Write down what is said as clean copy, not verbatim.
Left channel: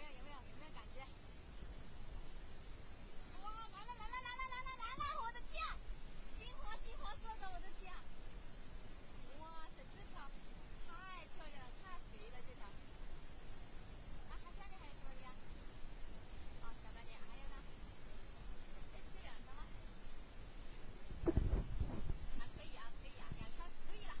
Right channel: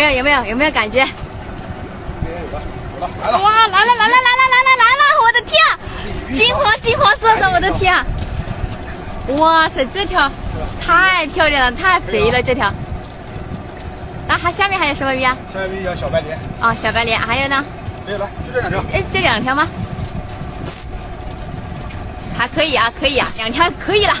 有没有感觉？来了！哇，来了！我的天啊，金黄色的，我的天啊！哇塞，这条太漂亮了，太肥了这条。那它下面还有什么鱼啊？下面有小白鲢。哦，小白鲢，还有呢？没有了，就这2条。哎，这2条吗？还可以啊，2条可以了。